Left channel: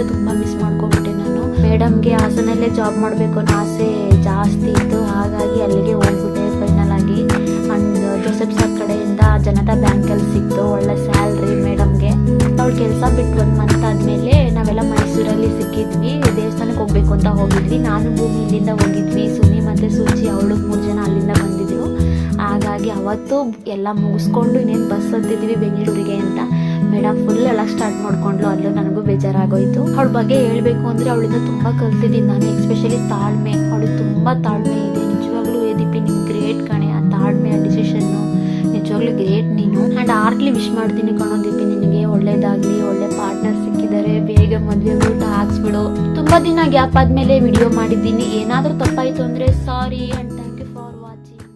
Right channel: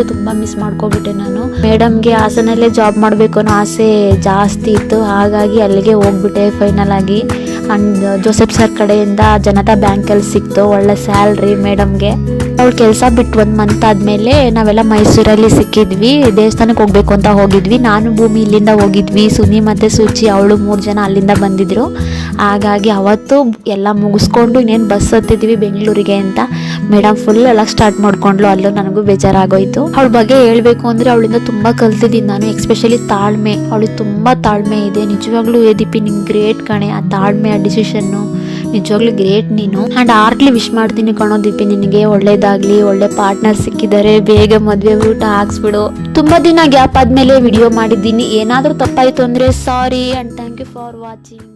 ನಿಜವಾಗ್ಲೂ ತುಂಬ ಮಿಸ್ ಮಾಡ್ಕೊಬಿಟ್ಟೆ ನಾನು. ಮೇಡಮ್ಗೆ ಹಾಸನಲ್ಲೇ ಜಾಬ್ ಮಾಡಬೇಕು ಅನ್ನೋ ಆಸೆ ಜಾಸ್ತಿ ಇತ್ತು, ಹಾಗಾಗಿ ಅಲ್ಲಿಗೆ ಹೋಗ್ಬಿಟ್ಟೆ ಫೈನಲ್ ಆಗಿ. ಅಂಡ್ ಜೋಸೆಫ್ ಸರ್ ಕಡೆಯಿಂದ ಜನತಾ ಬ್ಯಾಂಕಲ್ಲಿ ಸಿಕ್ತು ಒಳ್ಳೆ ಸ್ಯಾಲ್ರಿ ಮೇಡಮ್ಗೆ. ಅವ್ಳು ಕೆಲಸ ಬಿಟ್ಟು 1 ಮಂತ್ ಆದಮೇಲೆ ನಾವೆಲ್ಲ ಮೈಸೂರಲ್ಲಿ ಸಿಕ್ಕಿದ್ವಿ. ದೇವಸ್ಥಾನಕ್ಕೆ ಹೋಗ್ಬೇಕು ಅಂತ ಹೋಗಿದ್ವಿ. ನಾನು ಭೂಮಿ ಇಲ್ಲಿಂದ ಹೋಗಿದ್ವಿ, ಸುನಿ ಮತ್ತು ಸೂಚಿ ಅವಳು 3 ಜನ ಅಲ್ಲಿಂದ ಬಂದಿದ್ರು. ಹಾಗಾಗಿ ಅವತ್ತು ಎಲ್ಲ ಮುಗಿಸ್ಕೊಂಡು ಇನ್ನೇನು ಬಸ್ ಹತ್ತಿದ್ವಿ ಬೆಂಗಳೂರಿಗೆ ಅಂತ. ಮೇಡಮ್ ಫುಲ್ ಎಲ್ಲ ಸ್ಟಾರ್ಟ್ ಮಾಡ್ಕೊಂಡ್ಲು. ಅಲ್ಲೂ ನನಗೂ ಬೇಜಾರಾಗೋಯ್ತು. ಅವಳ ಬಗ್ಗೆ ಹೇಳಬೇಕು ಅಂದರೆ ಅವಳಿಂದ ತುಂಬ ಕಲ್ತಿದ್ದೀನಿ ನಾನು, ಎಕ್ಸ್ಪೆಷಲಿ ತಾಳ್ಮೆ. ಅವಳಿಗೆ ತುಂಬ ತಾಳ್ಮೆ ಇದೆ. ನಿಜವಾಗ್ಲೂ ದೀಪಿ ನಿಂಗೆ ಗ್ರೇಟ್ ಕಣೆ, ಆ ತಾಳ್ಮೆ, ಆ ಡಿಸಿಷನ್ನು ನಿಜವಾಗ್ಲೂ ಗ್ರೇಟ್ ನೀನು. ಆ್ಯಂಡ್ ಆರ್ಟ್ಲಿ ವಿಶ್ ಮಾಡ್ತೀನಿ ಕಣೋ ದೀಪಿ, ನಿನಗೆ ಒಳ್ಳೇದಾಗಲಿ, ಒಳ್ಳೆ ಪಾರ್ಟ್ನರ್ ಸಿಕ್ಕಿದ್ದಾರೆ, ಬೇಗ ಮದುವೆ ಊಟ ಹಾಕ್ಸ್ಬಿಡು. ತುಂಬ ದಿನ ಗ್ಯಾಪ್ ಆದಮೇಲೆ ವಿಡಿಯೋ ಮಾಡಿದ್ದೀನಿ. ಏನಾದರೂ ತಪ್ಪಾಯಿತು ಅಂದರೆ sorry and thank you for watching.